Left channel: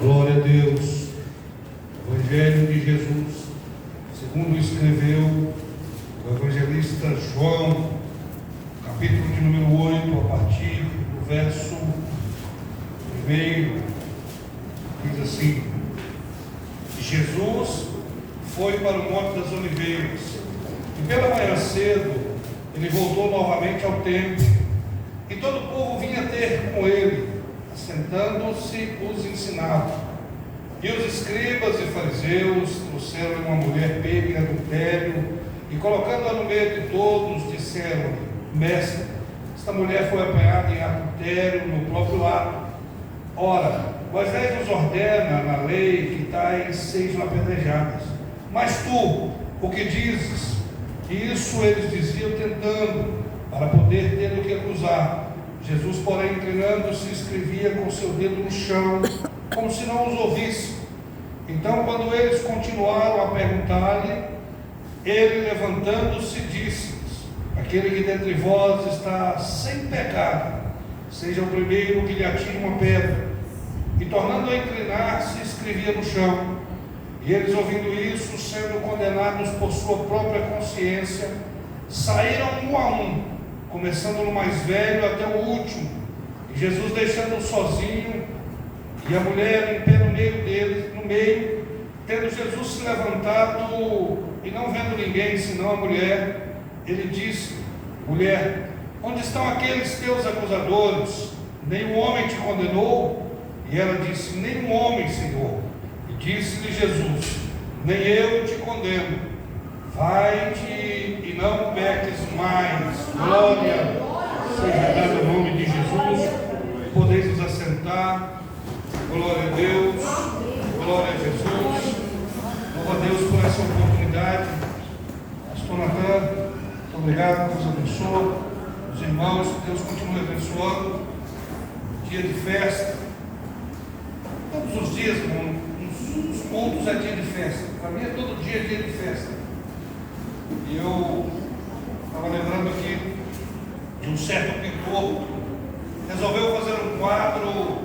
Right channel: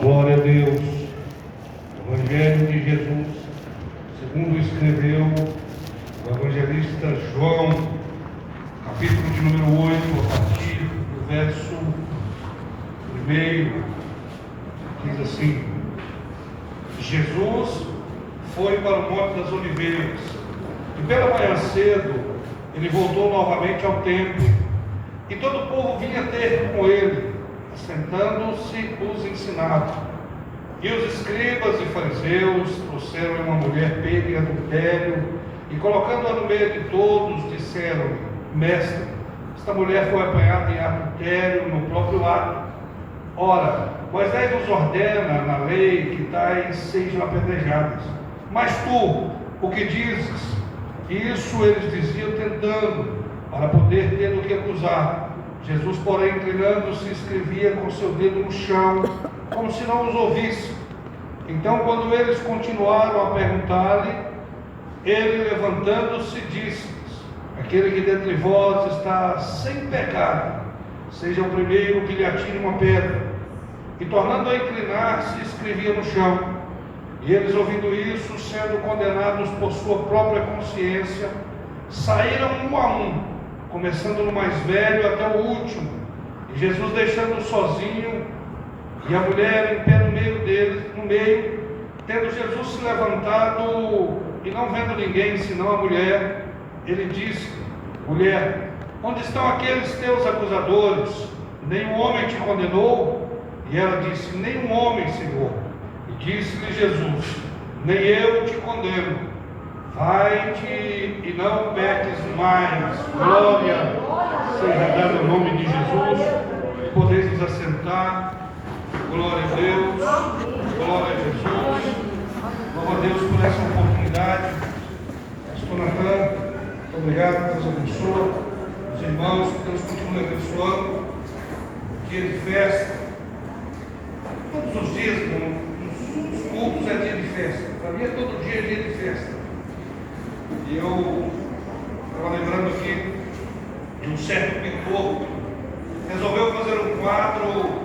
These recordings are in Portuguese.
Glória a Deus. Evangelho de Jesus, segundo escreveu o evangelista João, capítulo de número 8, a partir do verso 1, diz assim: Jesus foi para o Monte das Oliveiras, e pela manhã cedo ele voltou novamente ao templo, e todo o povo vinha ter com ele, assentando-se os ensinava. E os escribas e fariseus trouxeram uma mulher pega em adultério, e colocando-a no meio de todos, disseram: Mestre, esta mulher foi apanhada em adultério no próprio ato. Ora, Moisés nos ordena na lei que tais sejam apedrejadas. Mas tu, o que dizes? Isso eles diziam tentando, para poder ter do que acusar. Jesus, porém, inclinando-se, escrevia com seu dedo no chão, como se não os ouvisse. Então, quando eles continuaram a perguntar-lhe, ele, levantando-se, disse-lhes: Aquele que dentre vós está sem pecado, seja o primeiro que lhe atire uma pedra. E, tornando a inclinar-se, escrevia no chão. E eles, ouvindo isso, sendo condenados por sua própria consciência, saíram um a um, começando no mais velho até o último. E Jesus, deixando-o sozinho, e a mulher em pé no meio deles, tendo Jesus se levantado e não vendo ninguém senão a mulher, ele disse: Mulher, onde estão aqueles teus acusadores? Nenhum homem te condenou? E ela disse: Nenhum homem, Senhor. E disse-lhe Jesus: Nem eu te condeno. Vai-te e não peques mais. Glória seja dada ao nome de Jesus. Podeis nos assentar. Glória a Deus. Glória a Jesus. Louva a Deus por essa oportunidade. Pastor Natan, muito obrigado. Deus abençoe os irmãos. Que Deus continue abençoando. Dia de festa. Todos os dias, nos cultos é dia de festa. Para mim é todo dia dia de festa. E eu estava lembrando aqui de um certo pintor que resolveu fazer um quadro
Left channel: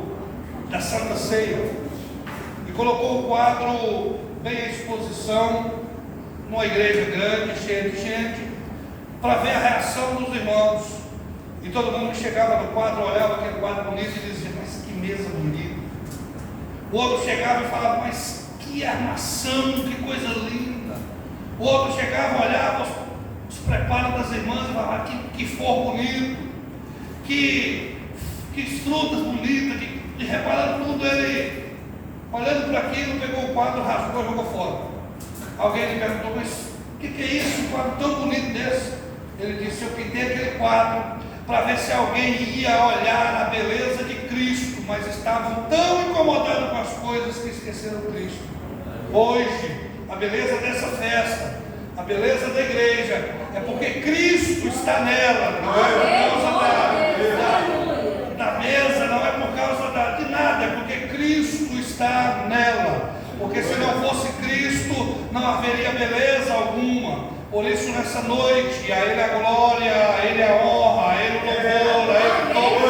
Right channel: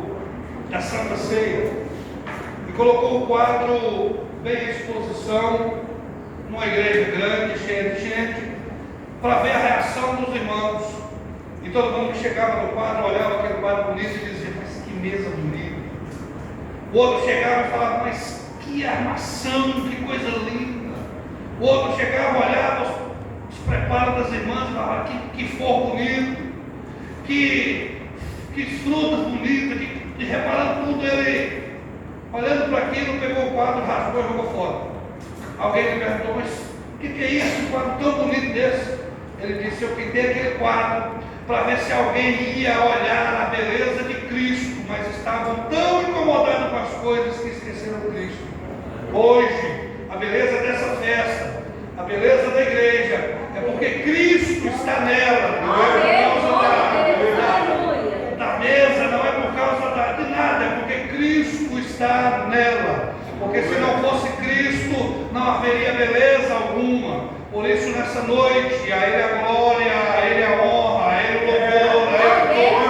da Santa Ceia e colocou o quadro bem à exposição numa igreja grande, cheia de gente, para ver a reação dos irmãos. E todo mundo que chegava no quadro olhava aquele quadro bonito e dizia: Mas que mesa bonita. O outro chegava e falava: Mas que armação, que coisa linda. O outro chegava, olhava os preparos das irmãs e falava: Que forro bonito, que frutas bonitas, e reparando tudo, ele, olhando para aquilo, pegou o quadro, rasgou e jogou fora. Alguém lhe perguntou: Mas o que é isso, um quadro tão bonito desse? Ele disse: Eu pintei aquele quadro para ver se alguém ia olhar a beleza de Cristo, mas estavam tão incomodados com as coisas que esqueceram Cristo. Hoje, a beleza dessa festa, a beleza da igreja, é porque Cristo está nela, não é por causa da mesa, não é por causa de nada, é porque Cristo está nela. Porque se não fosse Cristo, não haveria beleza alguma. Por isso, nessa noite, a Ele a glória, a Ele a honra, a Ele o louvor, a Ele toda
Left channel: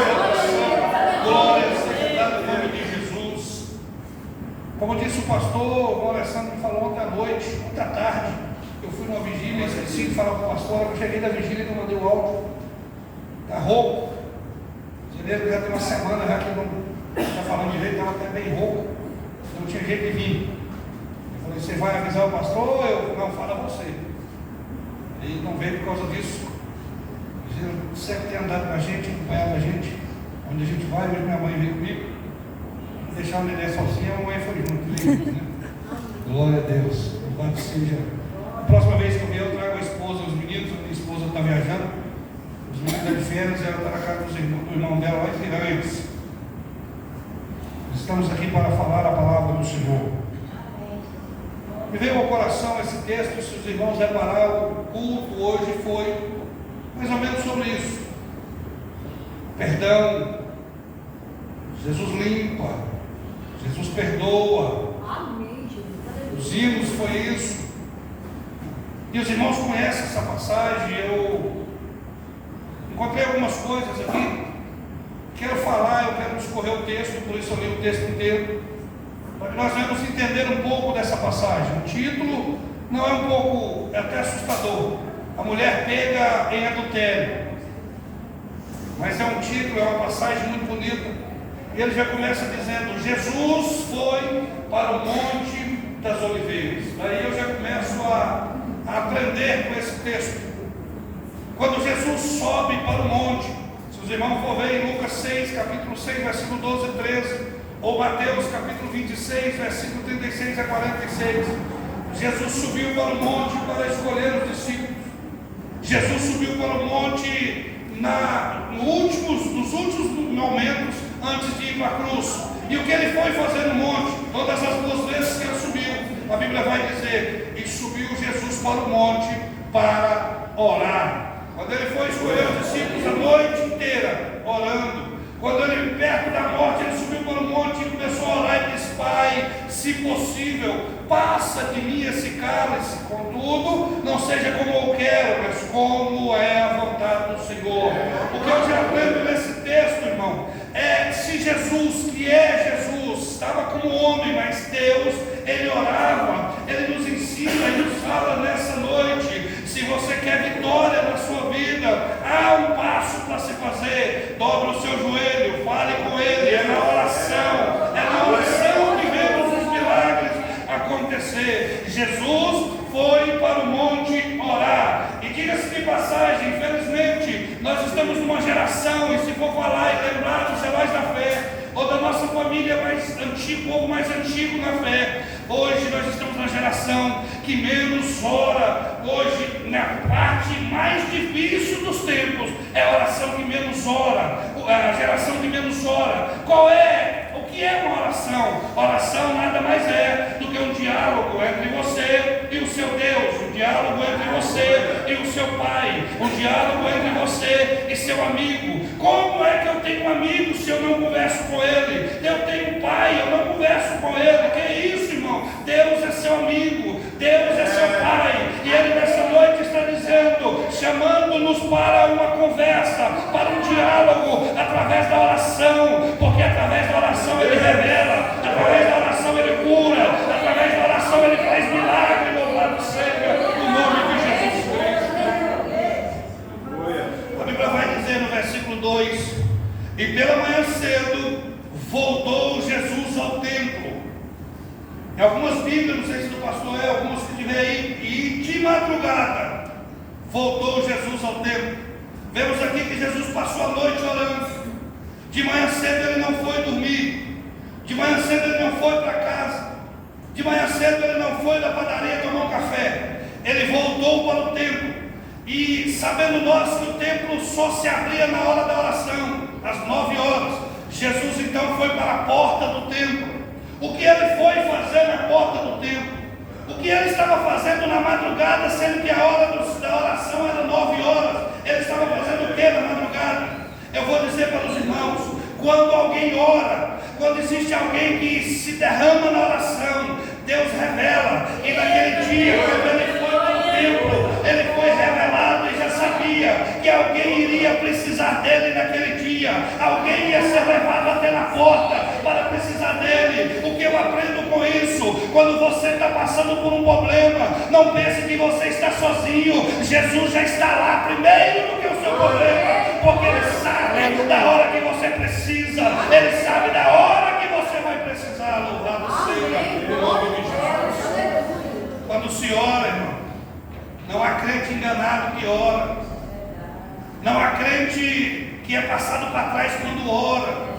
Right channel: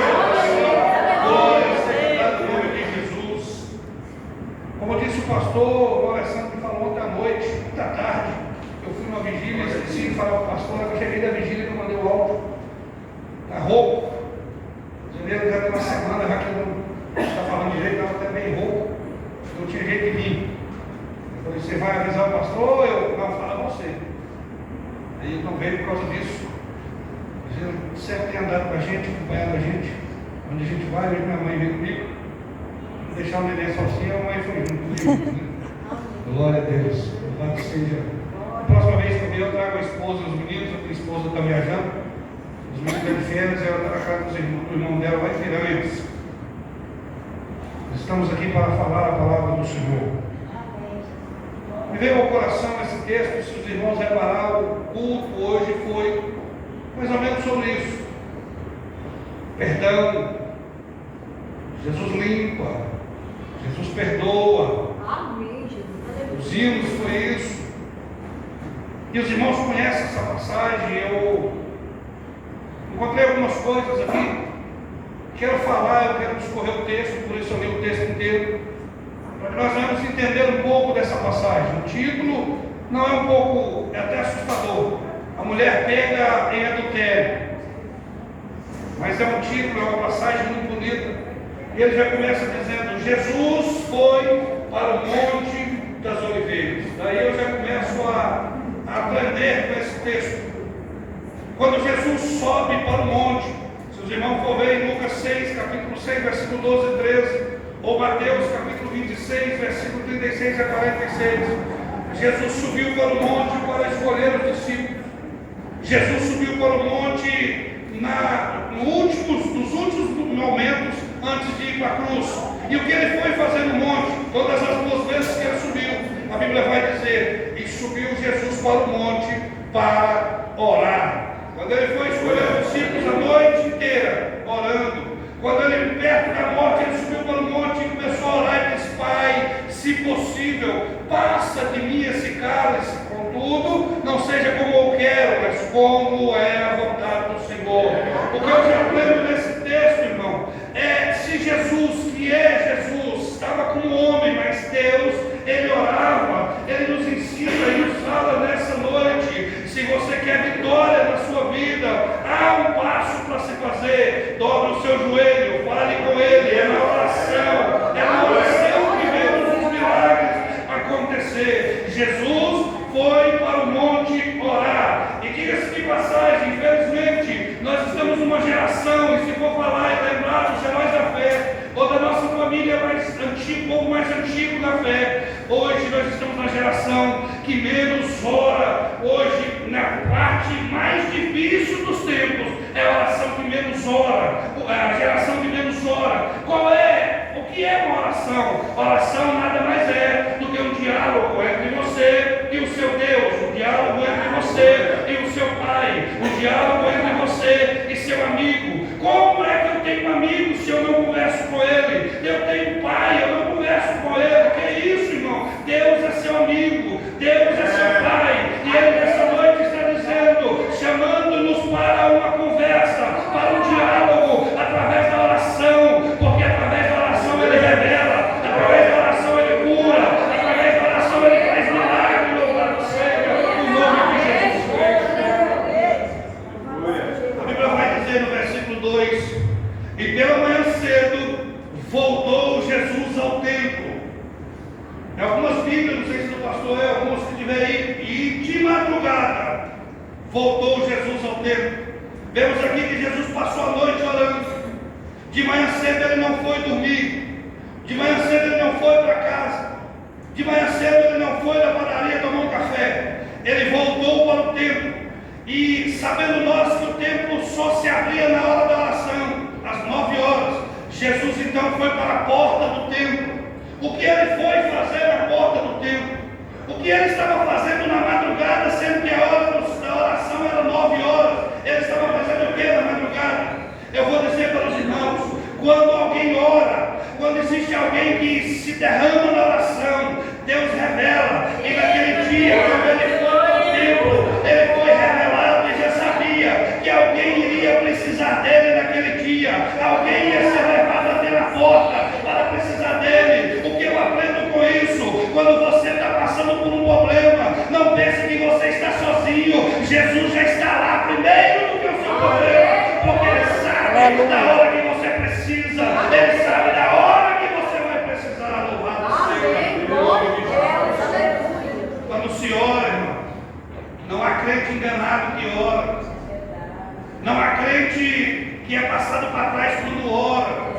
a glória seja dada no nome de Jesus. Como disse o pastor, o Alessandro me falou ontem à noite, ontem à tarde, eu fui numa vigília, esqueci de falar com o pastor, eu cheguei da vigília que eu mandei o áudio. Está rouco. Janeiro já tem uma semana já que não está falando direito, estava até bem rouco. Não tinha jeito de vir. Eu falei: Você vai avisar o pastor? Eu não, fala você. Ele não veio por causa disso. Ele sempre tem andado com a gente, acompanhado a gente. Onde a gente vai, hoje minha mãe veio comigo. Não deixar o neném sozinho, a mãe foi junto. Né? Glória a Deus. Louvado seja. A próxima vez que eu vier, eu trago a esposa, os meninos. A minha esposa está viajando. Os meninos estão de férias e ela está na casa do irmão dela lá em Piranhas. Estamos aqui para falar a palavra do Senhor. Me veio ao coração esse texto, se os irmãos repararam, o culto hoje foi mais ou menos sobre isso. Perdão. Jesus limpa. Jesus perdoa. Os hinos foi isso. E os irmãos conhecem essa passagem. Eu encontrei algumas coisas aqui. Quero falar, eu quero discorrer o texto, por isso eu li o texto inteiro. nós vamos entender um pouco dessa passagem. O título não é um pouco, é até assustador. A mulher pega em adultério. Mas é um título, é uma passagem muito bonita. E ele já começa dizendo: Jesus foi para o Monte das Oliveiras. Daí eu já começo a aprender com esse texto. Quando Jesus sobe para o monte, se os irmãos for ver em Lucas 6, capítulo 6, versículo 12 e 13, ou Mateus capítulo 26, versículo 36 a 46, Jesus subiu para o monte para escolher os discípulos. Jesus subiu para o monte nos últimos momentos antes de ir para a cruz. E o que ele foi fazer no monte? Todas as duas vezes que ele subiu, a Bíblia vai dizer: e subiu Jesus para o monte para orar. Quando ele foi escolher os discípulos a noite inteira orando, quando ele, perto da morte, ele subiu para o monte e começou a orar e disse: Pai, se possível, passa de mim esse cálice, contudo, não seja como eu quero, mas como é a vontade do Senhor. O que eu já aprendo nesse texto, irmão, é se Jesus, que é Jesus, estava como homem, mas Deus, ele orava, ele nos ensina e nos fala nessa noite: se você quer vitória na sua vida, há um passo para se fazer. Dobre o seu joelho, fale com ele, é na oração que vemos os milagres acontecer. Jesus foi para o monte orar. E diga-se de passagem, infelizmente, nós estamos numa geração, e se for falar e lembrar dos heróis da fé, ou da nossa família mais antiga, um pouco mais antigo na fé, hoje nós estamos na geração que menos ora. Hoje, na parte mais difícil dos tempos, é a oração que menos ora, a geração que menos ora. Qual é? O que é uma oração? Oração nada mais é do que um diálogo entre você e o seu Deus, um diálogo entre você e o seu Pai, um diálogo entre você e seu amigo. Como é que eu tenho um amigo se eu não converso com ele? Eu tenho um pai, eu não converso com ele. Que é isso, irmão? Deus é seu amigo, Deus é seu Pai, e ele nessa noite está dizendo, chamando-nos para uma conversa, para um diálogo, através da oração, porque através da oração ele revela, através da oração ele cura, através da oração ele faz milagre. Louvado seja o nome de Jesus Cristo. A Bíblia vai dizer no versículo 2: e pela manhã cedo voltou Jesus ao templo. Em algumas Bíblias, não sei se do pastor é, algumas que tiver aí, e de madrugada voltou Jesus ao templo. Vemos aqui que Jesus passou a noite orando. De manhã cedo ele não foi dormir, de manhã cedo ele não foi para casa, de manhã cedo ele não foi na padaria tomar um café. Ele voltou para o templo. E sabendo nós que o templo só se abria na hora da oração, às 9 horas, Jesus então foi para a porta do templo. O que ele foi fazer na porta do templo? O que ele estava fazendo na madrugada, sendo que a hora da oração era 9 horas? Ele estava fazendo o que na madrugada? Eu vou dizer para os irmãos: quando alguém ora, quando existe alguém que se derrama na oração, Deus revela. E naquele dia, quando ele foi para o templo, ele foi revelado e já sabia que alguém iria precisar dele naquele dia. Alguém ia ser levado até na porta para precisar dele. O que eu aprendo com isso? Quando você está passando por um problema, não pense que você está sozinho. Jesus já está lá primeiro do que o seu problema, porque ele sabe da hora que você precisa, ele sabe da hora que você vai precisar. Louvado seja o nome de Jesus. Quando se ora, irmão, não há crente enganado que ora, não há crente que é passado para trás quando ora.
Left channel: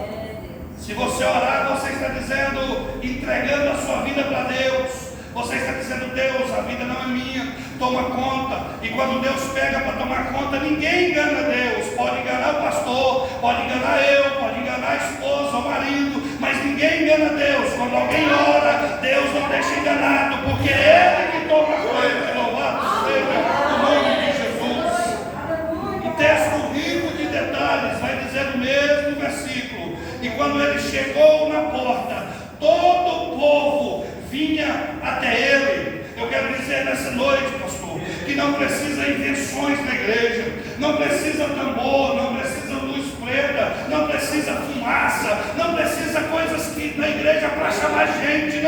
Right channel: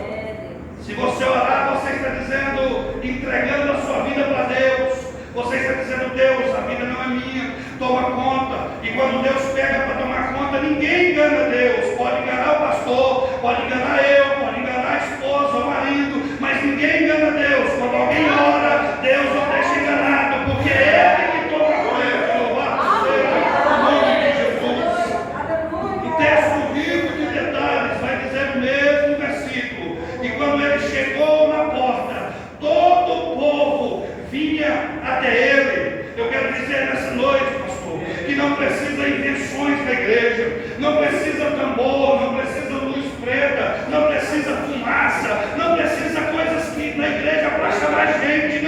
Se você orar, você está dizendo, entregando a sua vida para Deus. Você está dizendo: Deus, a vida não é minha, toma conta. E quando Deus pega para tomar conta, ninguém engana Deus. Pode enganar o pastor, pode enganar eu, pode enganar a esposa, o marido, mas ninguém engana Deus. Quando alguém ora, Deus não deixa enganado, porque é Ele que toma conta. Louvado seja o nome de Jesus. Um texto rico de detalhes vai dizer o mesmo versículo. E quando ele chegou na porta, todo o povo vinha até ele. Eu quero dizer nessa noite, pastor, que não precisa invenções da igreja, não precisa tambor, não precisa luz preta, não precisa fumaça, não precisa coisas que na igreja para chamar gente.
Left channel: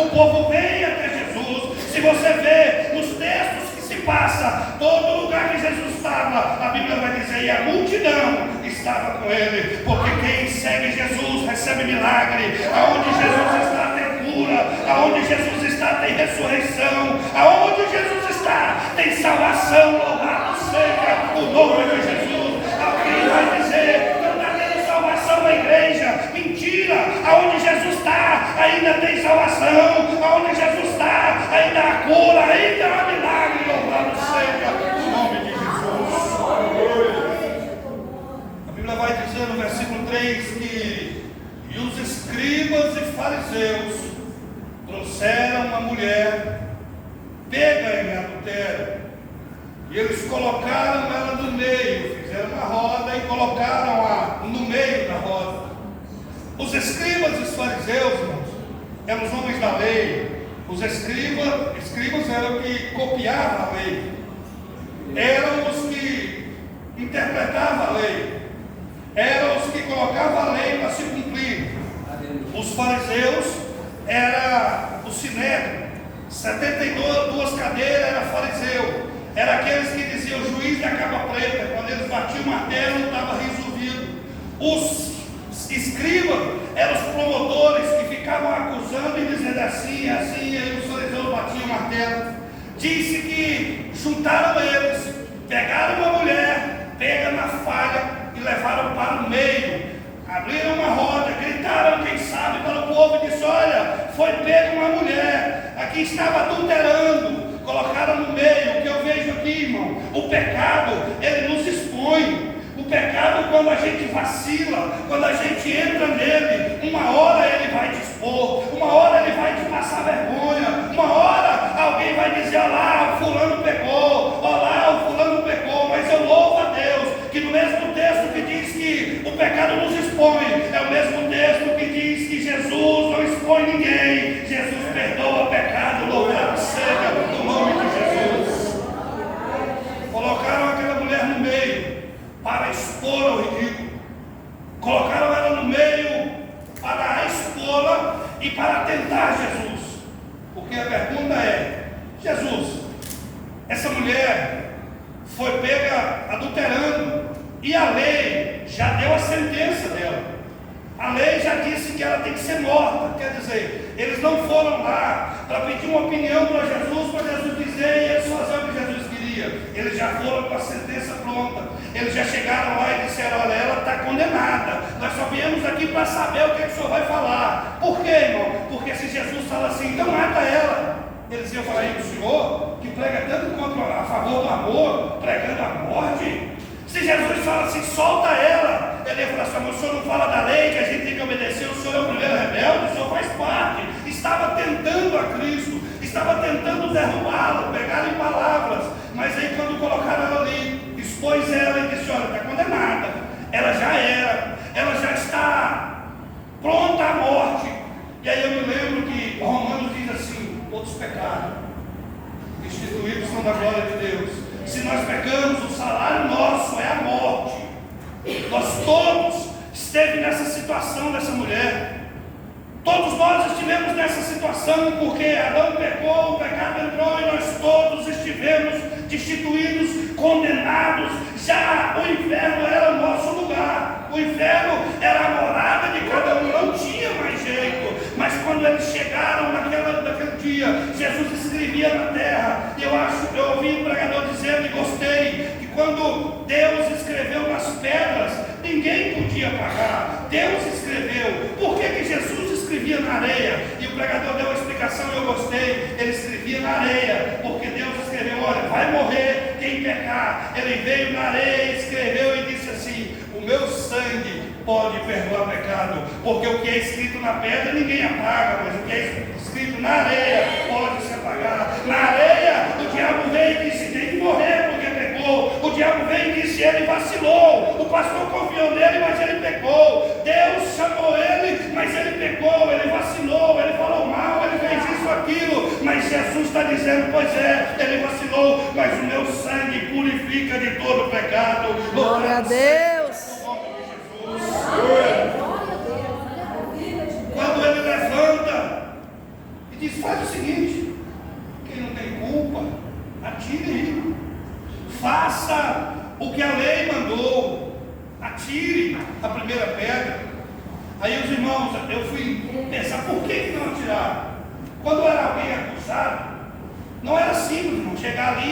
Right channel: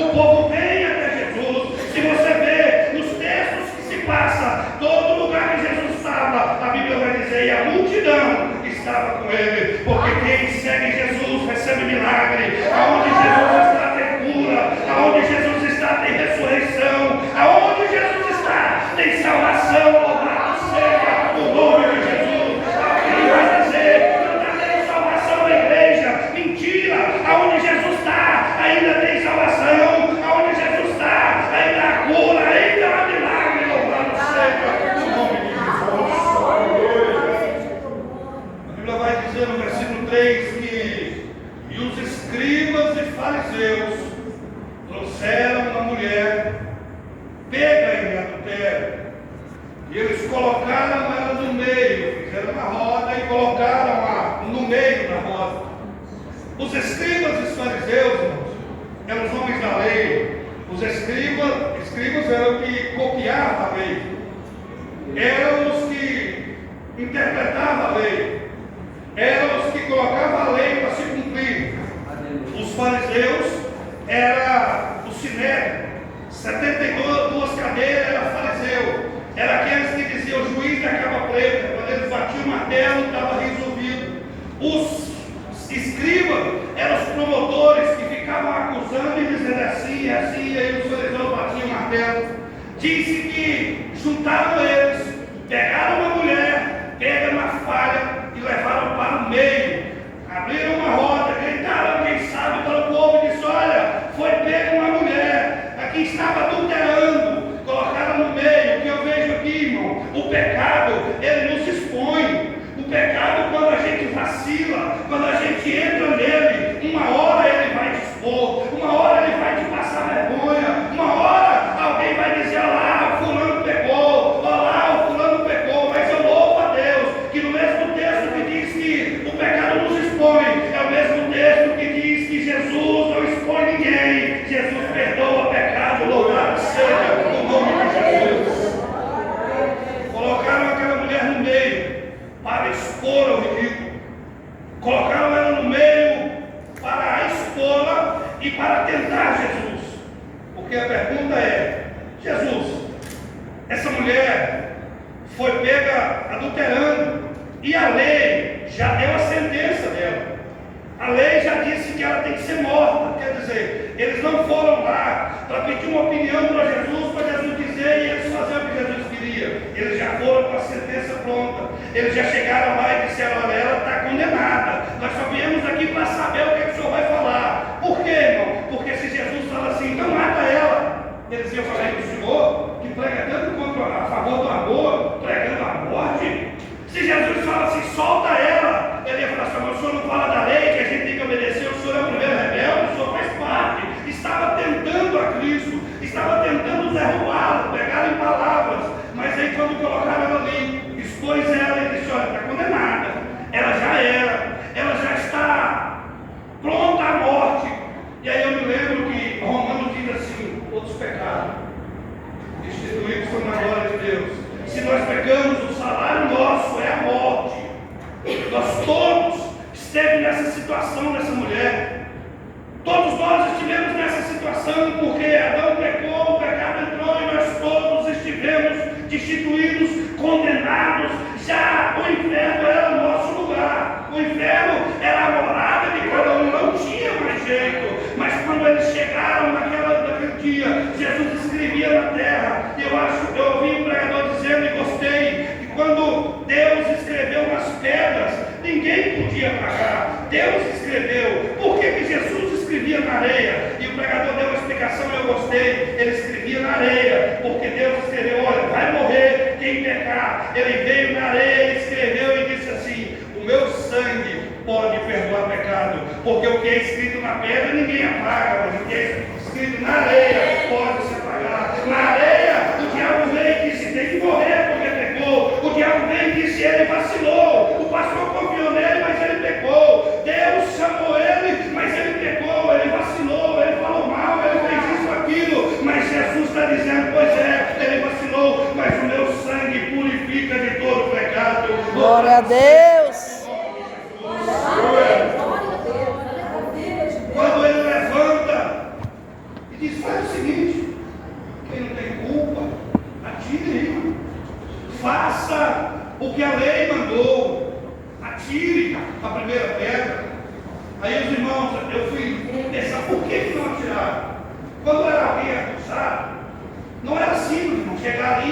o povo vem até Jesus. Se você vê nos textos que se passa, todo lugar que Jesus estava, a Bíblia vai dizer, e a multidão estava com ele, porque quem segue Jesus recebe milagre. Aonde Jesus está tem cura, aonde Jesus está tem ressurreição, aonde Jesus está tem salvação. Louvado seja o nome de Jesus. Alguém vai dizer que não está tendo salvação na igreja. Mentira! Aonde Jesus está ainda tem salvação, aonde Jesus está ainda há cura, ainda há milagre. Louvado seja o nome de Jesus. A Bíblia vai dizer no versículo 3 que e os escribas e fariseus trouxeram uma mulher pega em adultério, e eles colocaram ela no meio, fizeram uma roda e colocaram-a no meio da roda. Os escribas e os fariseus, irmãos, eram os homens da lei. Os escribas eram os que copiavam a lei, eram os que interpretavam a lei, eram os que colocavam a lei para se cumprir. Os fariseus era o sinédrio, 72 cadeiras era fariseu, era aqueles que diziam o juiz da capa preta, quando eles batiam o martelo estava resolvido. Os escribas eram os promotores que ficavam acusando e dizendo assim, assim, e aí os fariseus batiam o martelo. Disse que juntaram eles, pegaram uma mulher, pega na falha e levaram para o meio, abriram uma roda, gritaram, quem sabe, para o povo e disse, olha, foi pega uma mulher, aqui estava adulterando, colocaram no meio. O que eu vejo aqui, irmão, o pecado, ele não se expõe. O pecado, quando a gente vacila, quando a gente entra nele, uma hora ele vai te expor, uma hora ele vai te passar vergonha, uma hora alguém vai dizer, olha lá, o fulano pecou, olha lá, o fulano pecou, mas eu louvo a Deus, que no mesmo texto que diz que o pecado nos expõe, é o mesmo texto que diz que Jesus não expõe ninguém, Jesus perdoa pecado, louvado seja o nome de Jesus. Colocaram aquela mulher no meio para expor ao ridículo, colocaram ela no meio para expô-la e para tentar Jesus, porque a pergunta é, Jesus, essa mulher foi pega adulterando e a lei já deu a sentença dela, a lei já disse que ela tem que ser morta, quer dizer, eles não foram lá para pedir uma opinião para Jesus dizer e eles fazer o que Jesus queria, eles já foram com a sentença pronta, eles já chegaram lá e disseram, olha, ela está condenada, nós só viemos aqui para saber o que o senhor vai falar. Por quê, irmão? Porque se Jesus fala assim, então mata ela, eles iam falar, o senhor que prega tanto a favor do amor, pregando a morte. Se Jesus fala assim, solta ela, ele ia falar assim, mas o senhor não fala da lei, que a gente tem que obedecer, o senhor é uma mulher rebelde, o senhor faz parte. Estava tentando a Cristo, estava tentando derrubá-la, pegar em palavras, mas aí quando colocaram ela ali, expôs ela e disse, olha, está condenada, ela já era, ela já está pronta à morte. E aí eu me lembro que Romanos diz assim, todos pecaram, destituídos são da glória de Deus. Se nós pecamos, o salário nosso é a morte. Nós todos estivemos nessa situação dessa mulher. Todos nós estivemos nessa situação porque Adão pecou, o pecado entrou e nós todos estivemos destituídos, condenados. Já o inferno era o nosso lugar. O inferno era a morada de cada um, não tinha mais jeito. Mas quando eles chegaram naquele dia, Jesus escrevia na terra. Eu ouvi um pregador dizendo e gostei, que quando Deus escreveu nas pedras, ninguém podia pagar. Deus escreveu. Por que Jesus escrevia na areia? E o pregador deu uma explicação e eu gostei. Ele escrevia na areia, porque Deus escreveu, olha, vai morrer quem pecar. Ele veio na areia, escreveu e disse assim, o meu sangue pode perdoar pecado, porque o que é escrito na pedra ninguém apaga, mas o que é escrito na areia pode se apagar. Na areia o diabo veio e disse, tem que morrer porque pecou. O diabo veio e disse, ele vacilou, o pastor confiou nele, mas ele pecou. Deus chamou ele, mas ele pecou, ele vacilou, ele falou mal, ele fez isso, aquilo, mas Jesus está dizendo, pois é, ele vacilou, mas o meu sangue purifica de todo pecado. Glória a Deus. Quando ele levanta e diz,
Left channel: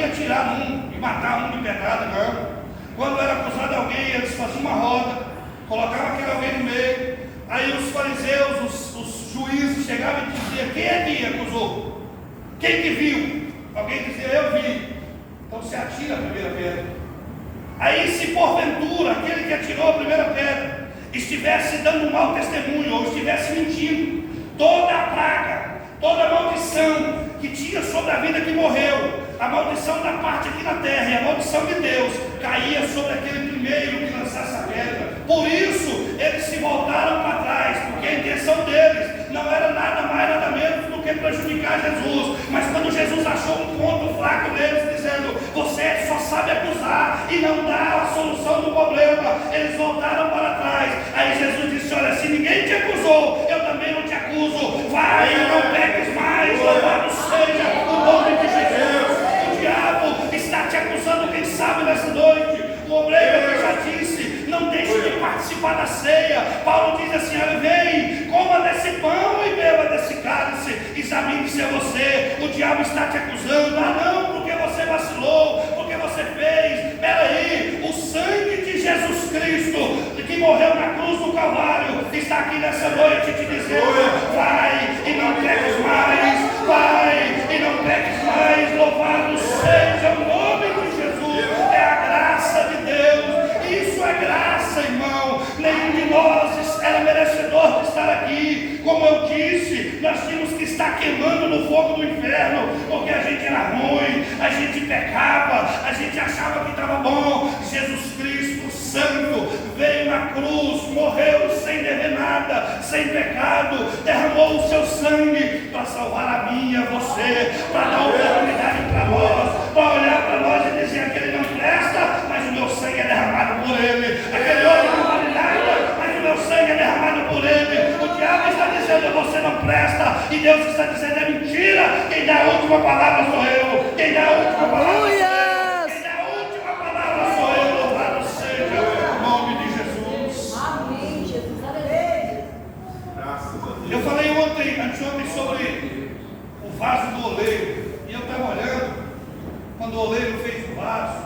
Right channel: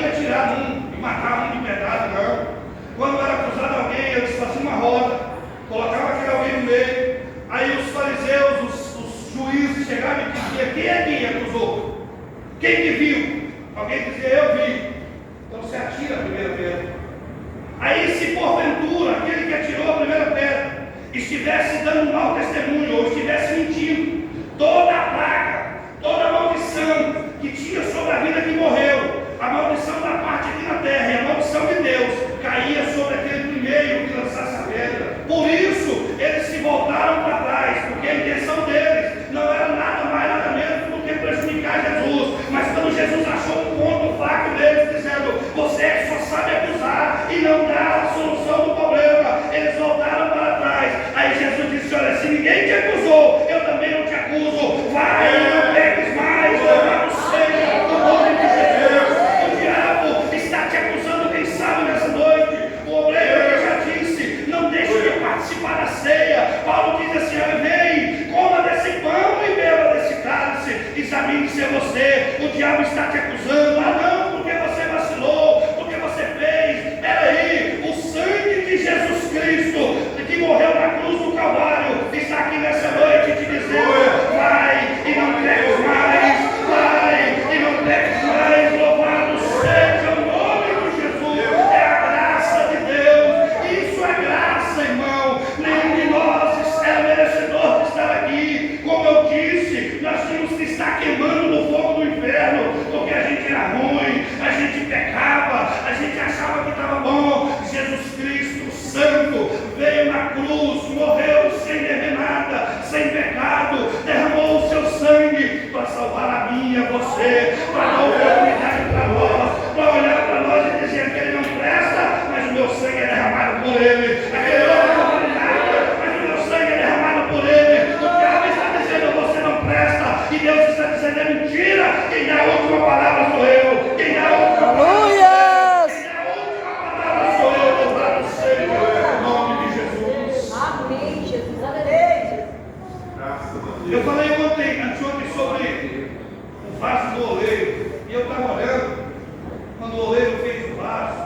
ia tirar um e matar um de pedrada, não. Quando era acusado alguém, eles faziam uma roda, colocavam aquele alguém no meio, aí os fariseus, os juízes chegavam e diziam: quem é que acusou? Quem que viu? Alguém dizia: eu vi. Então você atira a primeira pedra. Aí, se porventura aquele que atirou a primeira pedra estivesse dando um mau testemunho ou estivesse mentindo, toda a praga, toda a maldição que tinha sobre a vida que morreu, a maldição da parte aqui na terra e a maldição de Deus caía sobre aquele primeiro que lançasse a pedra. Por isso eles se voltaram para trás, porque a intenção deles não era nada mais, nada menos do que prejudicar Jesus. Mas quando Jesus achou um ponto fraco deles, dizendo: você só sabe acusar e não dá a solução do problema, eles voltaram para trás. Aí Jesus disse: olha, se ninguém te acusou, eu também não te acuso. Vai, não peques mais, louvado seja o nome de Jesus. O diabo está te acusando, quem sabe nessa noite. O obreiro que já disse: não deixe de participar da ceia. Paulo diz assim: olha, vem, coma desse pão e beba desse cálice, examine-se a você. O diabo está te acusando: ah não, porque você vacilou, porque você fez. Peraí, o sangue de Jesus Cristo, que morreu na cruz do Calvário, está aqui nessa noite te dizendo: vai e não peques mais, vai e não peques mais. Louvado seja o nome de Jesus. É a graça de Deus, isso é graça, irmão. Nenhum de nós era merecedor de estar aqui. Como eu disse, nós tínhamos que estar queimando no fogo do inferno, porque a gente era ruim, a gente pecava, a gente achava que estava bom. Jesus Cristo Santo veio na cruz, morreu sem dever nada, sem pecado, derramou o seu sangue para salvar a minha, você, para dar oportunidade para nós, para olhar para nós e dizer: aquele não presta, mas o meu sangue é derramado por ele. Aquele outro não vale nada, mas o meu sangue é derramado por ele. O diabo está dizendo: você não presta, e Deus está dizendo: é mentira. Quem dá a última palavra sou eu. Quem dá a última palavra sou eu. Quem dá a última palavra sou eu. Louvado seja o nome de Jesus. Amém, Jesus. Aleluia. Eu falei anteontem sobre o vaso do oleiro, e eu estava olhando, quando o oleiro fez o vaso,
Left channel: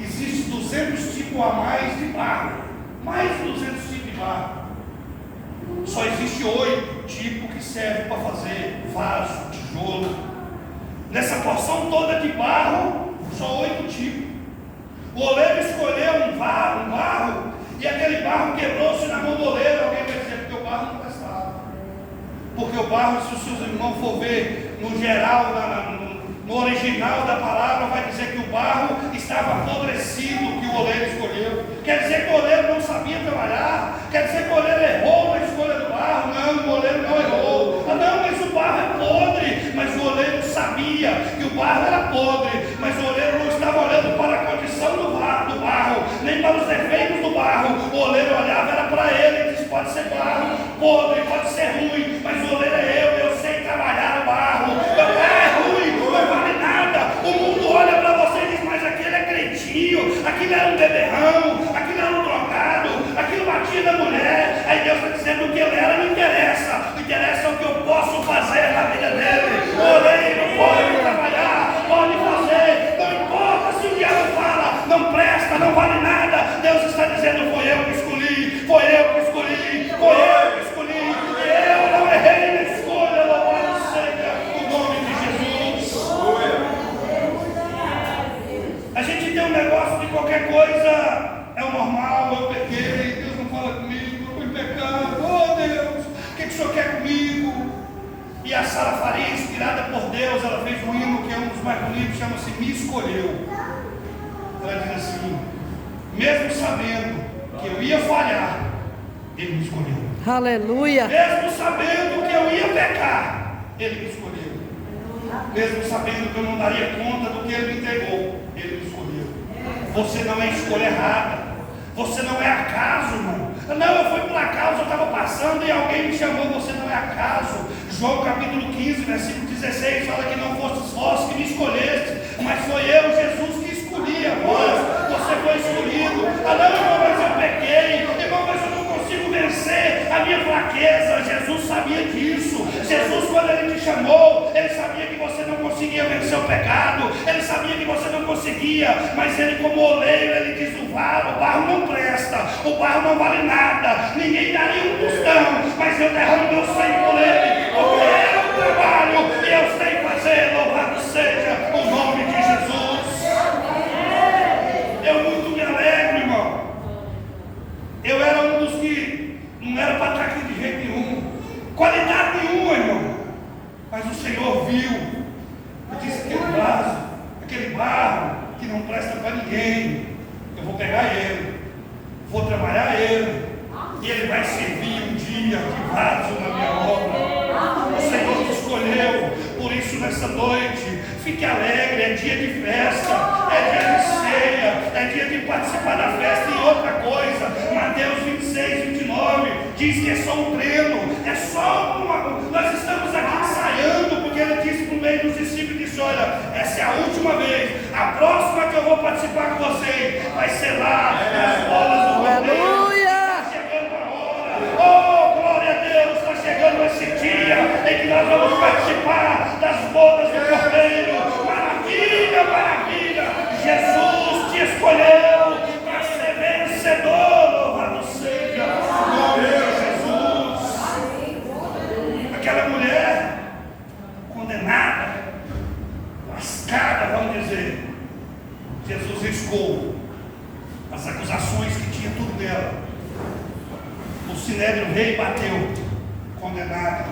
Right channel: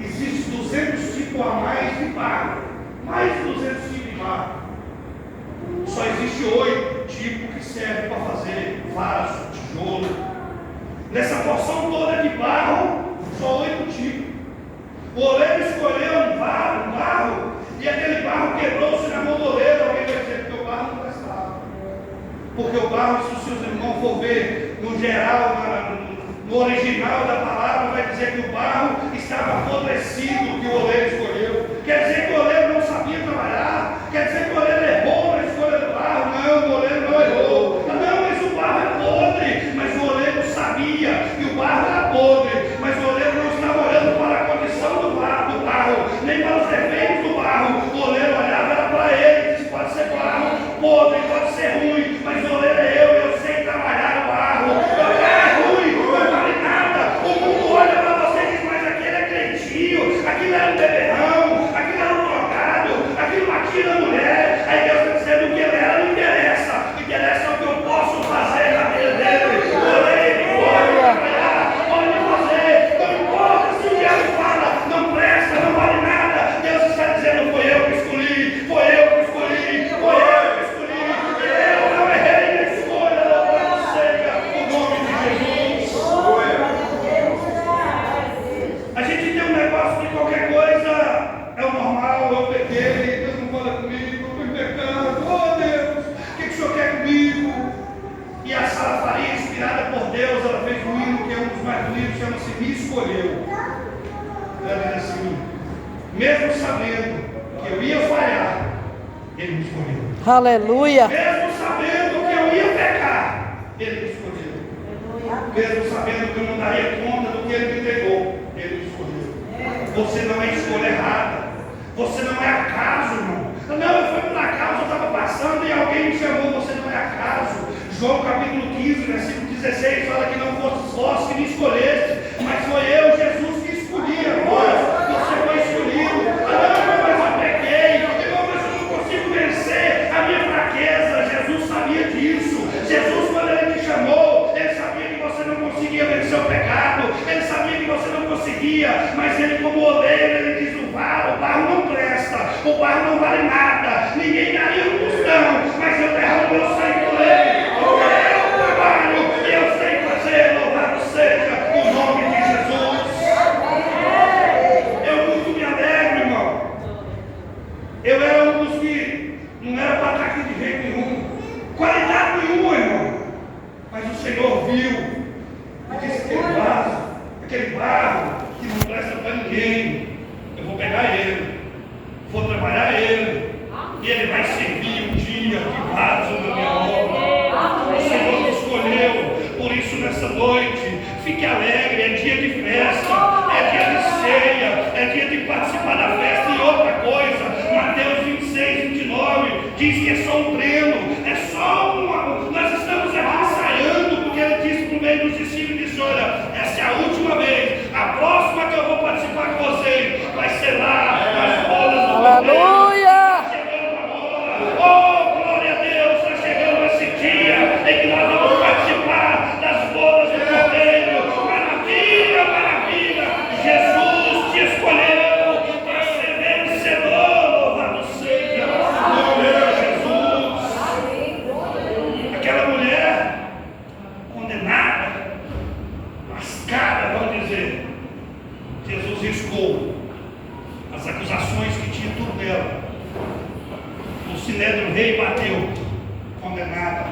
existe 200 tipos a mais de barro, mais de 200 tipos de barro. Só existe 8 tipos que servem para fazer vaso, tijolo. Nessa porção toda de barro, só 8 tipos. O oleiro escolheu um barro, e aquele barro quebrou-se na mão do oleiro. Alguém vai dizer: porque o barro não prestava. Porque o barro, se os seus irmãos for ver no geral, no original da palavra, vai dizer que o barro estava apodrecido, que o oleiro escolheu. Quer dizer que o oleiro não sabia trabalhar. Quer dizer que o oleiro errou na escolha do barro. Não, o oleiro não errou. Não, mas o barro é podre. Mas o oleiro sabia que o barro era podre, mas o oleiro não estava olhando para a condição do barro, nem para os defeitos do barro. O oleiro olhava era para ele e disse: pode ser barro podre, pode ser ruim, mas o oleiro é eu sei trabalhar o barro. É ruim, não vale nada. O mundo olha para você e diz: mas aquele é cretinho, aquilo era um beberrão, aquilo era um drogado, aquilo batia na mulher. Aí Deus está dizendo: o que ele era não interessa, interessa o que eu posso fazer na vida dele. O oleiro pode trabalhar, pode fazer, não importa se o diabo fala, não presta, não vale nada. Deus está dizendo: foi eu que escolhi, foi eu que escolhi, foi eu que escolhi. Eu não errei na escolha. Louvado seja o nome de Jesus. A gente tem um negócio de qualquer coisa é o normal. Eu pequei, Deus não fala comigo, eu estou em pecado. Oh Deus, o que o Senhor quer comigo? E a Sara Faria, inspirada por Deus, ela fez um hino que é um dos mais bonitos, chama-se Me Escolheu. Ela diz assim: mesmo sabendo que eu ia falhar, Ele me escolheu. Aleluia. Mesmo sabendo que eu ia pecar, Ele me escolheu. Mesmo sabendo que eu não daria conta do que Ele me entregou, Ele me escolheu. Você não é escolha errada. Você não é acaso, irmão. Não, eu fui por acaso, eu estava passando e alguém me chamou. Você não é acaso. João capítulo 15, versículo 16 fala que não fostes vós que me escolheste, mas foi eu, Jesus, que escolhi a vós. Você foi escolhido. Não, irmão, mas eu pequei. Irmão, mas eu não consigo vencer a minha fraqueza. Jesus sabia disso. Jesus, quando Ele te chamou, Ele sabia que você não conseguia conseguia vencer o pecado, ele sabia que você não conseguia, mas ele, como oleiro, ele diz: o barro não presta, o barro não vale nada, ninguém daria um tostão, mas eu derramo meu sangue por ele, porque eu trabalho e eu sei fazer. Louvado seja o nome de Jesus. Eu muito me alegro, irmão. Eu era um dos que não era para estar aqui de jeito nenhum, qualidade nenhuma, irmão, mas o Senhor viu e disse: aquele vaso, aquele barro que não presta para ninguém, eu vou pegar ele, vou trabalhar ele, e ele vai servir um dia de vaso na minha obra. O Senhor te escolheu. Por isso, nessa noite, fique alegre. É dia de festa, é dia de ceia, é dia de participar da festa. E outra coisa, Mateus 26, 29 diz que é só um treino, é só uma. Nós estamos aqui ensaiando, porque ele disse por meio dos discípulos: disse, olha, essa é a última vez, a próxima que eu vou participar com vocês vai ser lá nas bolas do Cordeiro. Está chegando a hora, oh glória a Deus, está chegando esse dia em que nós vamos participar das bodas do Cordeiro. Maravilha, maravilha, Jesus te escolheu para ser vencedor. Louvado seja o nome de Jesus. Aquela mulher condenada, lascada, vamos dizer, Jesus riscou as acusações que tinha tudo dela. O sinédrio veio e bateu, condenada.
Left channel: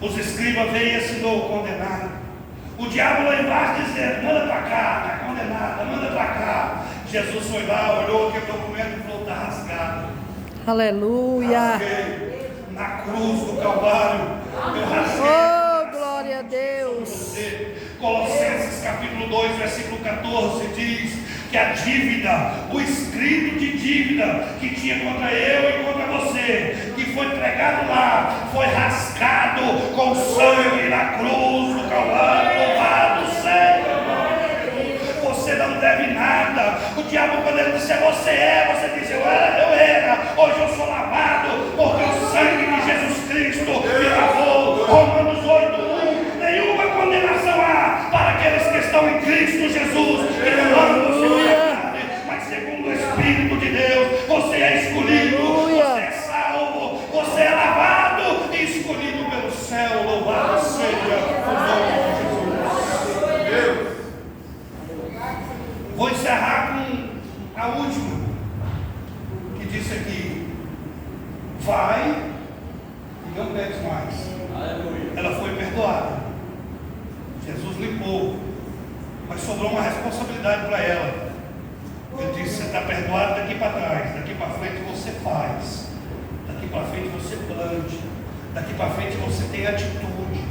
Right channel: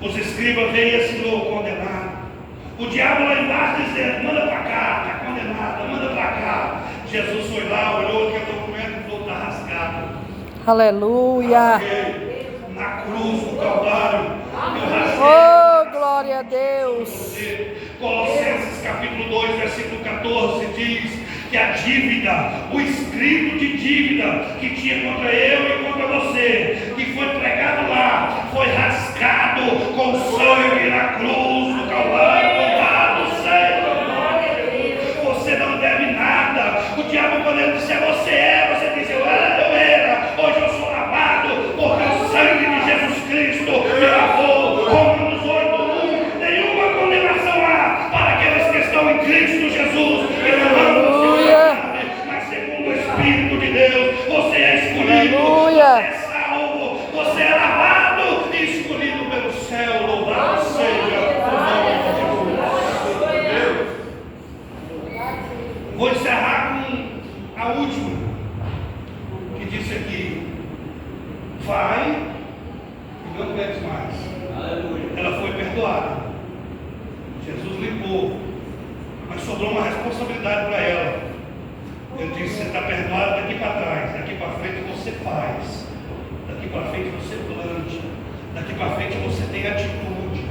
Os escribas veio e assinou, condenada. O diabo lá embaixo dizendo: manda para cá, está condenada, manda para cá. Jesus foi lá, olhou aquele documento e falou: está rasgado. Aleluia. Rasguei na cruz do Calvário. Eu rasguei. Oh, glória a Deus. Colossenses capítulo 2, versículo 14 diz que a dívida, o escrito de dívida que tinha contra eu e contra você, que foi pregado lá, foi rasgado com sangue na cruz do Calvário. Louvado seja. Você não deve nada. O diabo, quando ele disser você é, você diz: eu era, hoje eu sou lavado, porque o sangue de Jesus Cristo me lavou. Romanos 8:1. Nenhuma condenação há para aqueles que estão em Cristo Jesus, que não andam segundo a carne, mas segundo o Espírito de Deus. Você é escolhido, você é salvo, você é lavado e escolhido pelo céu. Louvado seja o nome de Jesus. Vou encerrar com a última, que disse aqui: vai e não peques mais. Aleluia. Ela foi perdoada, Jesus limpou, mas sobrou uma responsabilidade para ela. Ele disse: você está perdoado daqui para trás, daqui para frente você faz, daqui para frente você plante, daqui para frente você tem atitude,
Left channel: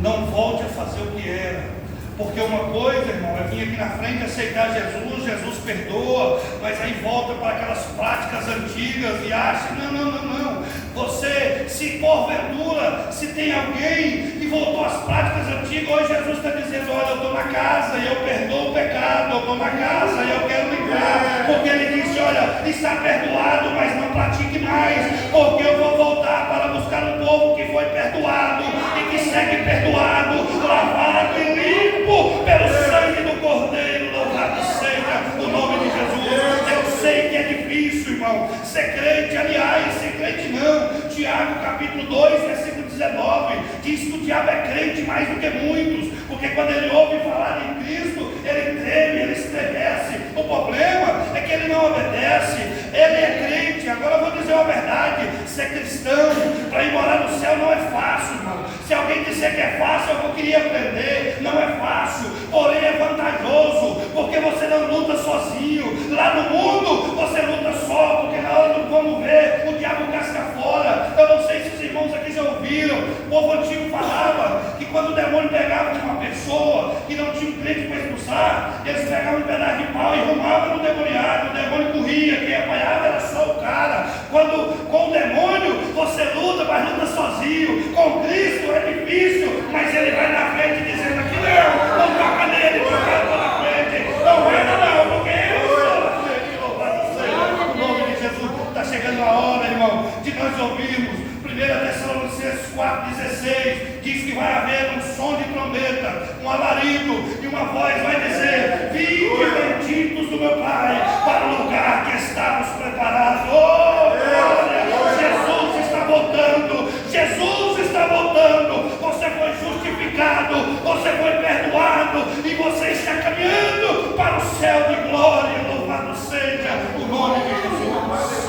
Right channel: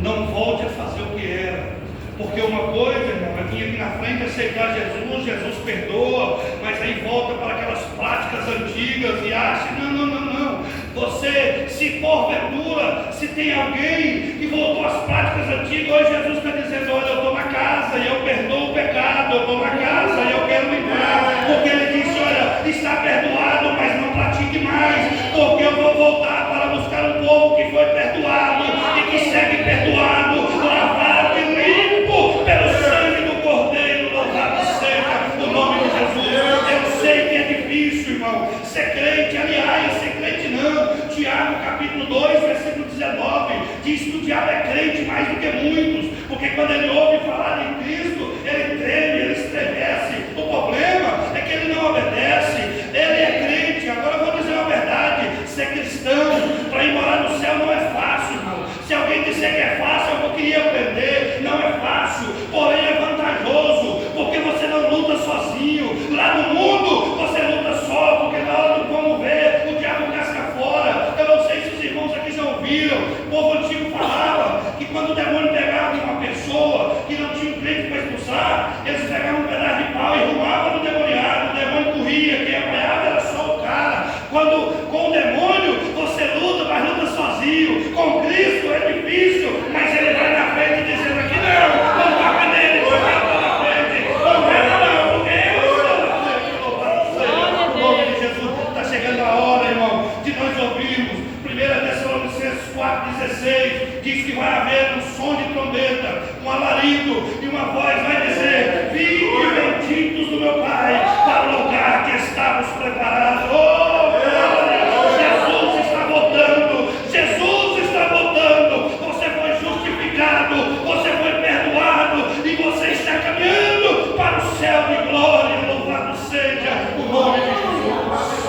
não volte a fazer o que era. Porque uma coisa, irmão, é vir aqui na frente aceitar Jesus, Jesus perdoa, mas aí volta para aquelas práticas antigas e acha: não. Você, se porventura, se tem alguém que voltou às práticas antigas, hoje Jesus está dizendo: olha, eu estou na casa e eu perdoo o pecado, eu estou na casa e eu quero limpar. Porque ele disse: olha, está perdoado, mas não pratique mais, porque eu vou voltar para buscar um povo que foi perdoado e que segue perdoado, lavado e limpo pelo sangue do Cordeiro. Louvado seja o nome de Jesus. Eu sei que é difícil, irmão, ser crente. Aliás, ser crente não. Tiago capítulo 2, versículo 19 diz que o diabo é crente mais do que muitos, porque quando ele ouve falar de Cristo, ele treme, ele estremece. O problema é que ele não obedece. Ele é crente. Agora eu vou dizer uma verdade: ser cristão para ir morar no céu não é fácil, irmão. Se alguém disser que é fácil, eu queria aprender. Não é fácil, porém é vantajoso, porque você não luta sozinho. Lá no mundo você luta só, porque na hora do vamos ver, o diabo casca fora. Eu não sei se os irmãos aqui já ouviram. O povo antigo falava que quando o demônio pegava de uma pessoa que não tinha um crente para expulsar, eles pegavam um pedaço de pau e arrumavam no demoniado. O demônio corria, quem apanhava era só o cara. Quando com o demônio você luta, mas luta sozinho. Com Cristo é difícil, mas ele vai na frente dizendo aqui: não toca nele, porque eu estou na frente. Não vai não, porque eu estou na frente. Louvado seja o nome de Jesus. Está chegando a hora, irmão, de nós ouvirmos 1 Tessalonicenses 4:8. 4,16, diz que vai haver um som de trombeta, um alarido, e uma voz vai dizer: vinde benditos do meu Pai, para o lugar que estávamos preparados. Oh, glória! Jesus está voltando, Jesus está voltando. Você foi justificado, você foi perdoado, e você está caminhando para o céu de glória. Louvado seja o nome de Jesus.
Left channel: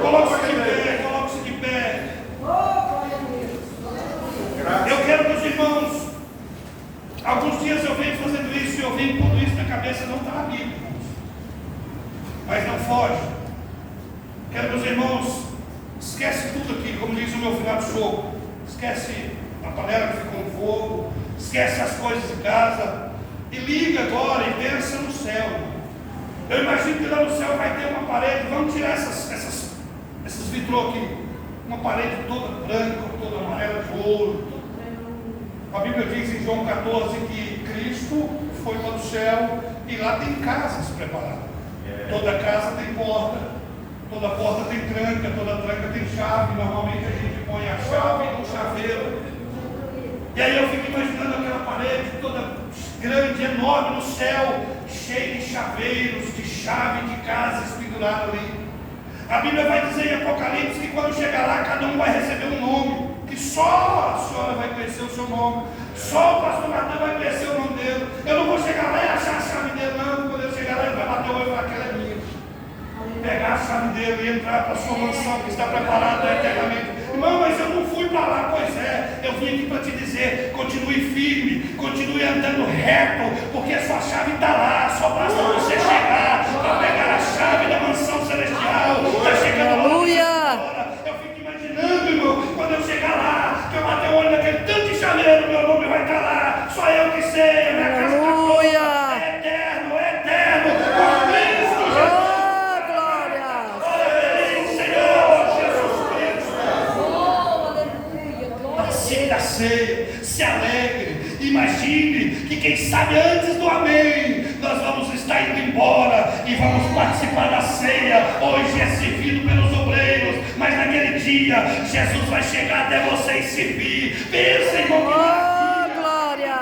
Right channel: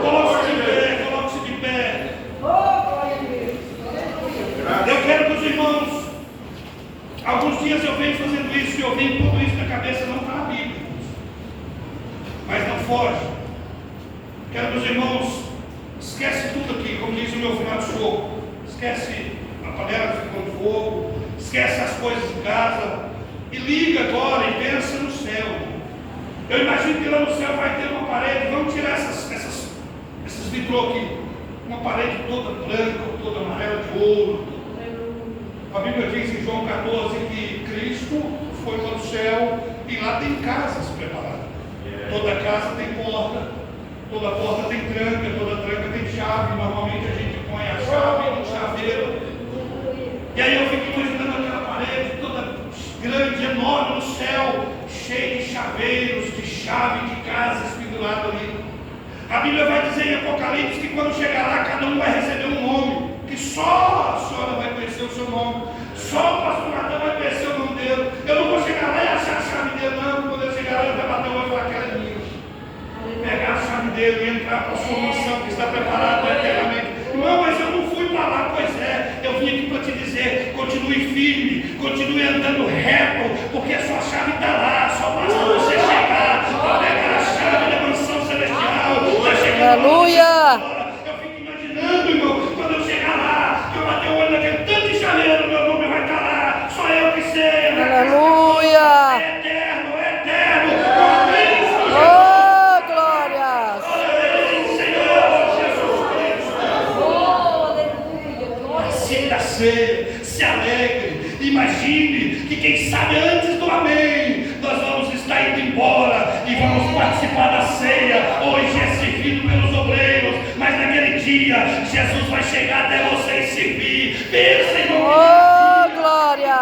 Coloque-se de pé, coloque-se de pé. Eu quero que os irmãos, alguns dias eu venho fazendo isso e eu venho tudo isso na cabeça, não está na Bíblia, mas não foge. Quero que os irmãos esquece tudo aqui, como diz o meu final de show. Esquece a panela que ficou no fogo, esquece as coisas de casa e liga agora e pensa no céu. Eu imagino que lá no céu vai ter uma parede. Vamos tirar esses vitrô aqui, uma parede toda branca, toda amarela de ouro. A Bíblia diz em João 14 que Cristo foi para o céu e lá tem casas preparadas. Toda casa tem porta, toda porta tem tranca, toda tranca tem chave. Normalmente a gente põe a chave no chaveiro. E aí eu fico imaginando aquela parede toda grande, enorme no céu, cheia de chaveiros, de chave de casas penduradas ali. A Bíblia vai dizer em Apocalipse que quando chegar lá, cada um vai receber um nome, que só a senhora vai conhecer o seu nome, só o pastor Natan vai conhecer o nome dele. Eu não vou chegar lá e achar a chave dele, não. Quando eu chegar lá, ele vai bater o olho e falar: aquela é minha. Pegar a chave dele e entrar para a sua mansão que está preparada eternamente. Irmão, mas eu não fui para lá. Pois é, eu vim aqui para te dizer: continue firme, continue andando reto, porque a sua chave está lá. Só basta você chegar para pegar a chave da mansão celestial. Está chegando. Aleluia! Eu fico imaginando, irmão, quando eu chegar lá, que eu bater o olho naquele tanto de chaleiro, meu nome vai estar lá. Só eu que sei. Aleluia! É eterno, é eterno. Com Cristo Jesus. Oh, glória! Da ceia, se alegre, imagine que quem sabe antes do amém, nós vamos estar indo embora e vamos participar da ceia. Hoje é servido pelos obreiros, mas naquele dia Jesus vai chegar até você e servir. Pensa, irmão, Oh, glória!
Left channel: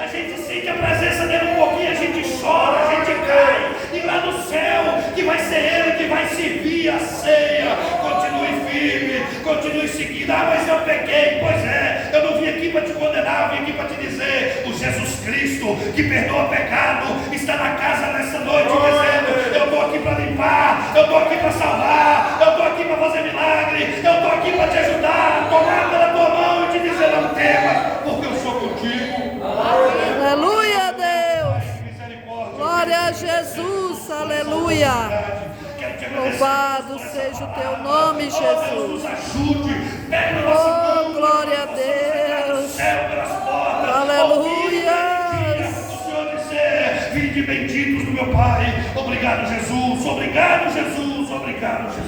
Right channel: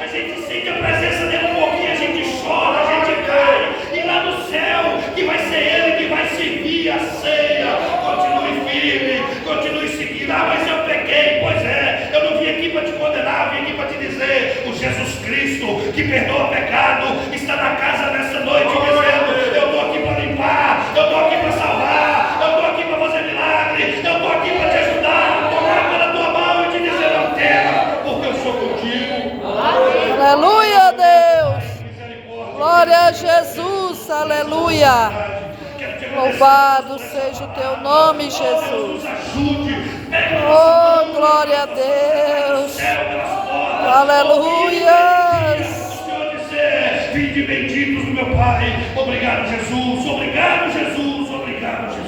a gente sente a presença dele um pouquinho, a gente chora, a gente cai, e lá no céu, que vai ser ele que vai servir a ceia. Continue firme, continue seguindo. Ah, mas eu pequei. Pois é, eu não vim aqui para te condenar, eu vim aqui para te dizer: o Jesus Cristo que perdoa pecado está na casa nessa noite dizendo: eu estou aqui para limpar, eu estou aqui para salvar, eu estou aqui para fazer milagre, eu estou aqui para te ajudar a tomar pela tua mão e te dizer: não temas, porque eu sou contigo. Aleluia, Deus! Glória a Jesus! Aleluia! Louvado seja o teu nome, Jesus! Oh, glória a Deus! Aleluia! Vinde benditos do meu Pai. Obrigado, Jesus. Obrigado, Jesus. Obrigado, Jesus.